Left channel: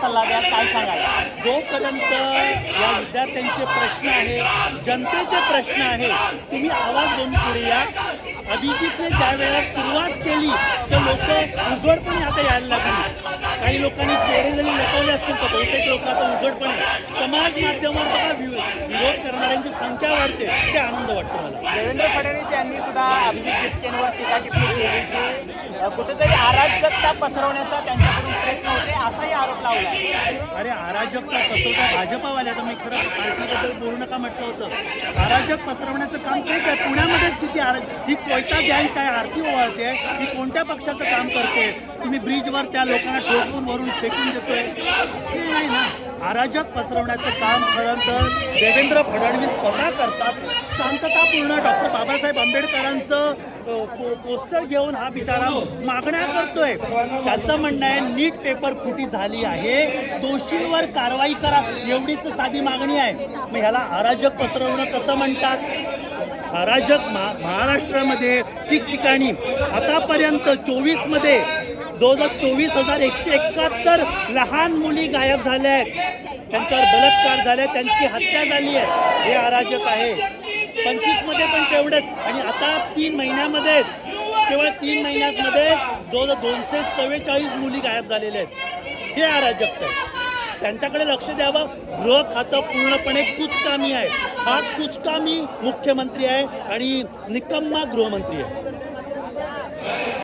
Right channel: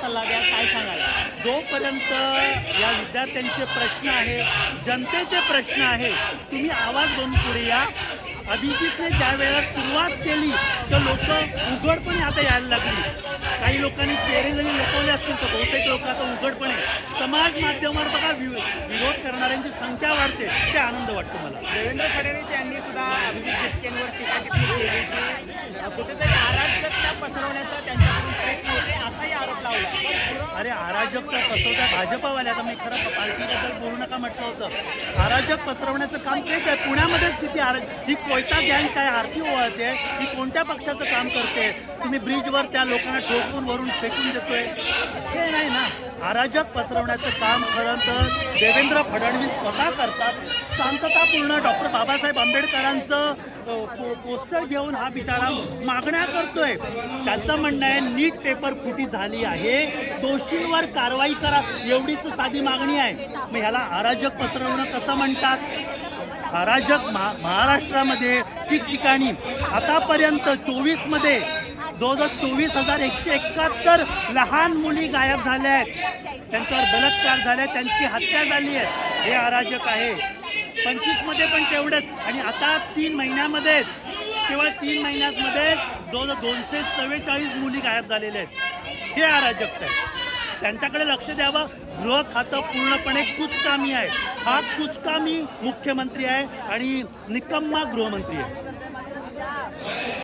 सल्ला द्याल, काय सांगाल? जोपर्यंत या विद्यार्थ्यांचे प्रश्न आहे, जनतेचे प्रश्न आहे, तुम्ही आवाज देऊन पुढे या. अभिजितने ज्या वेळेला सुरुवात केली तर लोक उघडपणे आता यायला लागली. काही लोकांनी चेहरे जरी लपवले असतील तर बहुतेक लोक आता उघडपणे समाज माध्यमावर बघा विरोध करणाऱ्यांची संख्या वाढते. ते आनंद वाटतो मला. देवेंद्र फडणवीस यांनी सुद्धा अभिजित गिचकेंवर टीका टिप्पणी केली की कुठेतरी अराजकता पसरवण्याचा त्यांच्याकडून प्रयत्न होते, असाही आरोप लावला. अरे अराजकता पसरवता भाजपावाले, आता मी खरं पार्टीबद्दल बोलू नका म्हटलं होतं. अराजक पसरवण्याचं काम तेच आहे. पुण्यामध्येच किती ही कोयता गँग काय आरती ओवाळते, ही कोणत्या पक्षाचं काम करते? तुम्ही ब्रिजवर त्या लोकांना ठोकून वरून फेकून देतोय, हे नाही ना. अराजक पसरवण्याचं काम खरं तर देवेंद्र फडणवीस स्वतः करतात. शांततापूर्ण डॉक्टर बाबासाहेब आंबेडकरांचं पोस्टर घेऊन हा बिचारा मागण्या करतोय. त्याचं म्हणणं आहे नीट पेपर फुटी झाली आहे, दोषींवर कारवाई करा, एवढीच साधी मागणी आहे. मग ह्याला अराजक पसरवणं कसं म्हणतात? अराजक महाराष्ट्रामध्ये ठिकठिकाणी आतापर्यंत 24मध्ये जवळजवळ 24,171 लहान मुली गायब झाल्या आहेत, त्यांच्यावर बलात्कार झाले, त्यांची हत्या झाली आहे. हे अराजक आहे. 25मध्ये पण तेवढंच. आणि आता 3 महिन्यामध्ये केवळ 3 महिन्यांमध्ये जवळजवळ 244 मुली गायब झालेल्या आहेत. हे अराजकता आहे. त्यांच्याकडे लक्ष द्यावं. गृह खातं पूर्णपणे कुचकामी आहे. हा कुचकामी मुख्यमंत्री आहे आणि निकम्मा गृहमंत्री आहे.